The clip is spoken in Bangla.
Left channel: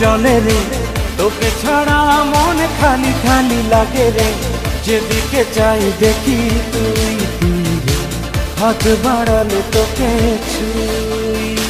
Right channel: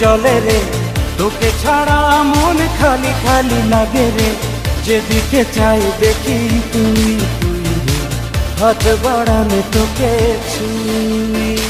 জলে রে তোকে ছাড়া মন খালি খালি লাগে রে, যেদিকে চাই দেখি তুই তুই রে, হাত বাড়ালে তোকে ছুঁই।